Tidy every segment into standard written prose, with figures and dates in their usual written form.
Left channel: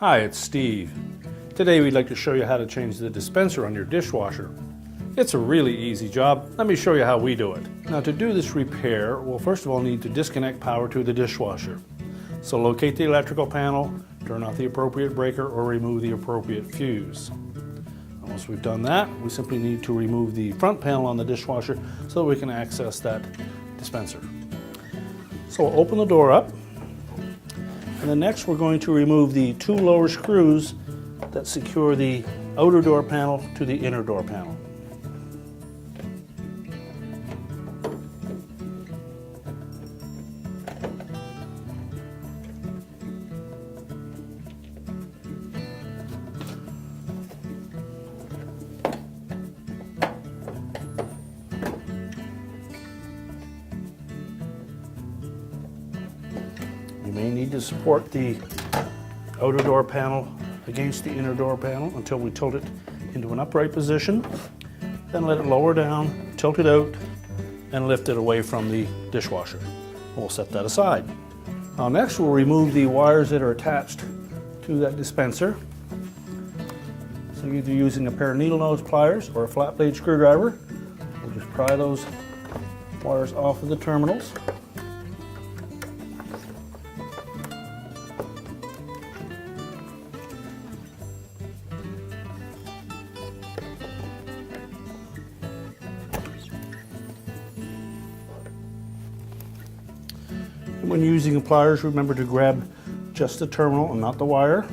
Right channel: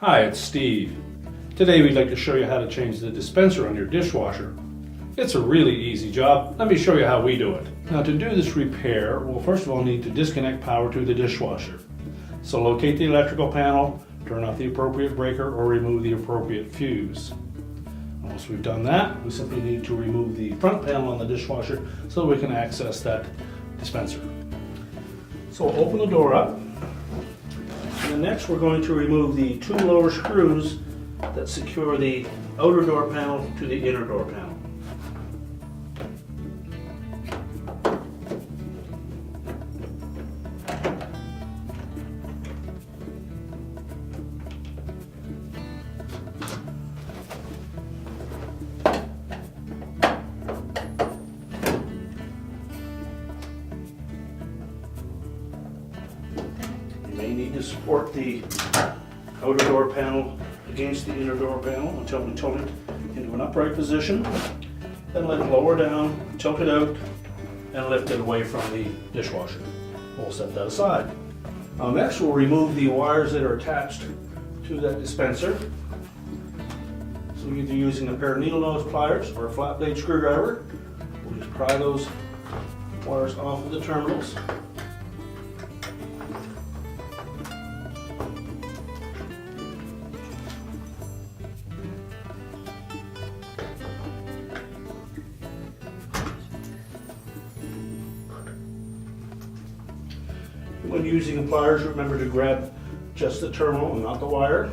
Hi, it's Steve. Today we'd like to show you how to change the dispenser on your dishwasher. It's a really easy job. Let me show you how we do it. Now to do this repair, we'll first of all need to disconnect power to the dishwasher. So locate the electrical panel, turn off the appropriate breaker or remove the appropriate fuse. Once we've done that, we simply need to remove the front panel on the dishwasher so that we can access that dispenser. So we'll open the door up. And then next we're going to remove the two lower screws that secure the outer door panel to the inner door panel. You may need to support the outer door panel against the inner door panel until we tilt it into an upright position. Then let it lower down, tilt it out, and lift it away from the dishwasher. We'll set that aside. Now next we'll remove the wires that are attached to that dispenser. So you're either using a pair of needle nose pliers or a flat blade screwdriver. We'll just pry those wires off of the terminals. When using the pliers, remember to grab just the terminal and not the wire.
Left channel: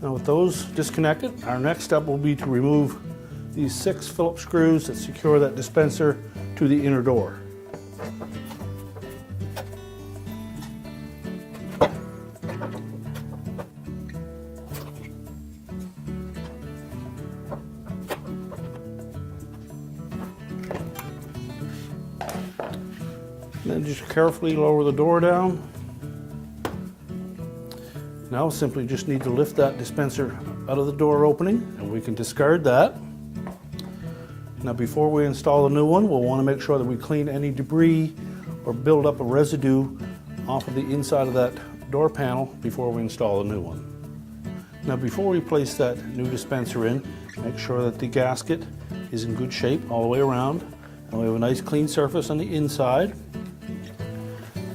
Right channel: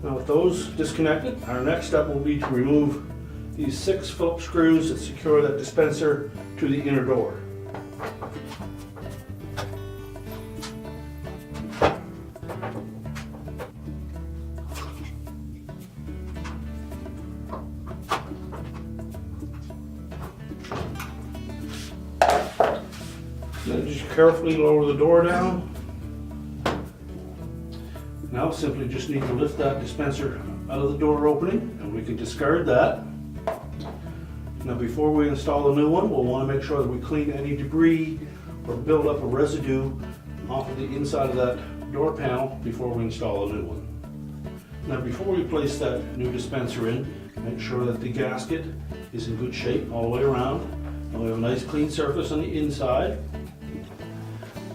Now with those disconnected, our next step will be to remove these 6 Phillips screws that secure that dispenser to the inner door. Then just carefully lower the door down. Now simply just need to lift that dispenser out of the door opening and we can discard that. Now before we install a new one, we'll want to make sure that we clean any debris or build up a residue off of the inside of that door panel before we install a new one. Now before we place that new dispenser in, make sure that the gasket is in good shape all the way around and we have a nice clean surface on the inside.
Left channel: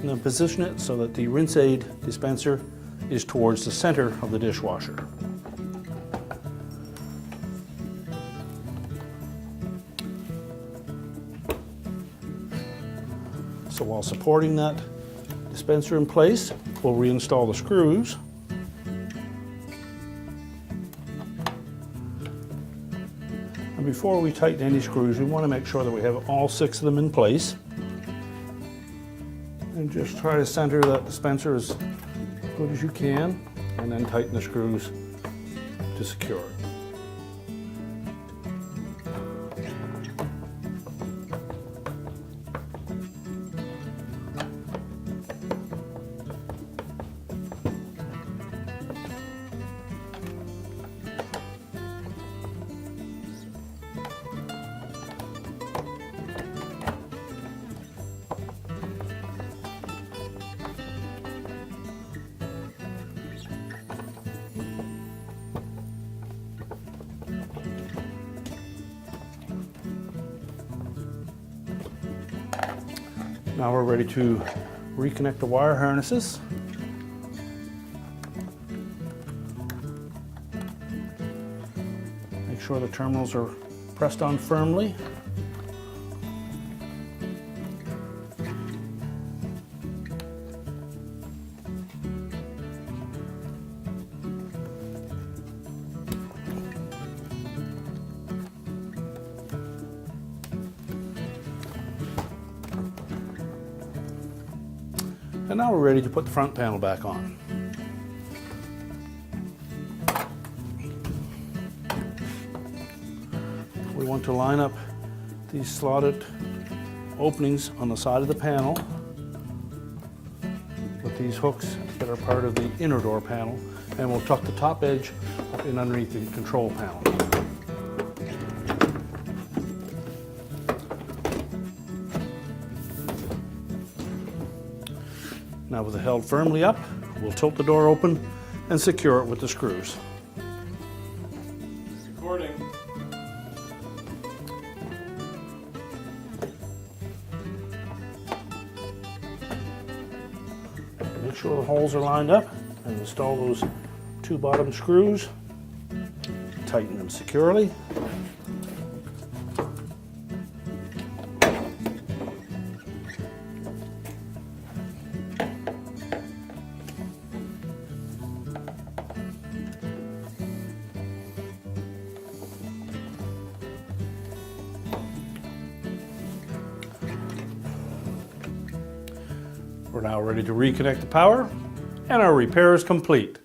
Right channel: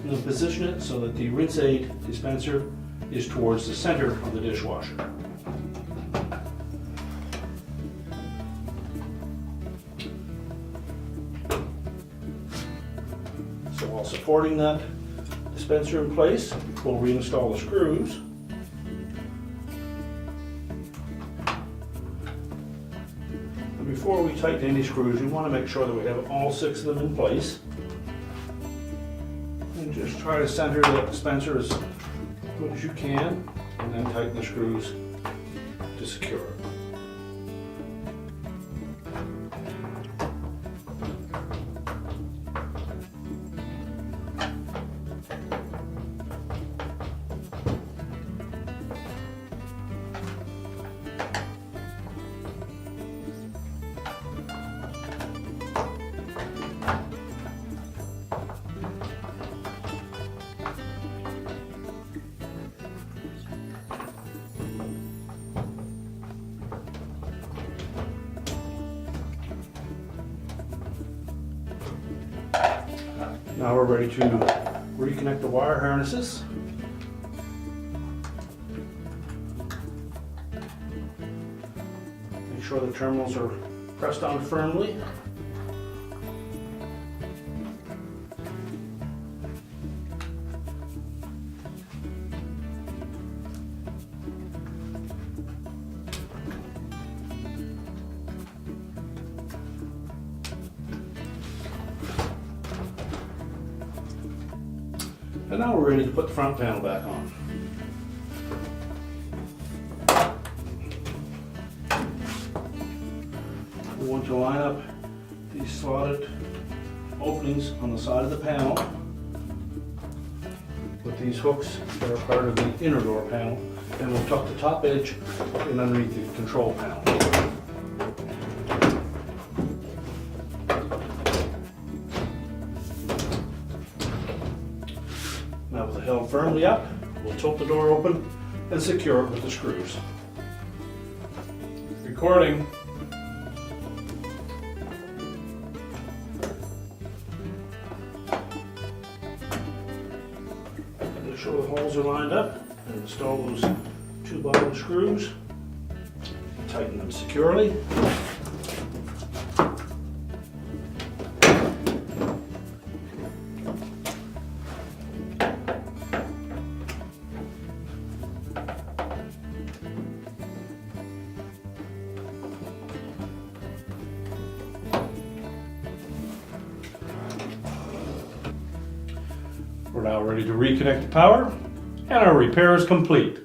Now position it so that the rinse aid dispenser is towards the center of the dishwasher. So while supporting that dispenser in place, we'll reinstall the screws. And before we tighten any screws, we want to make sure that we have all 6 of them in place. And just try to center the dispenser as good as you can, and then tighten the screws to secure it. Now we're ready to reconnect the wire harnesses. Make sure the terminals are pressed on firmly. And now we're ready to put the front panel back on. We want to line up these slotted openings on the side of the panel with these hooks that are part of the inner door panel, and we'll tuck the top edge up in underneath the control panel. held firmly up. We'll tilt the door open and secure it with the screws. Recording. Make sure the holes are lined up and install those 2 bottom screws. Tighten them securely. We're now ready to reconnect the power, and our repair is complete.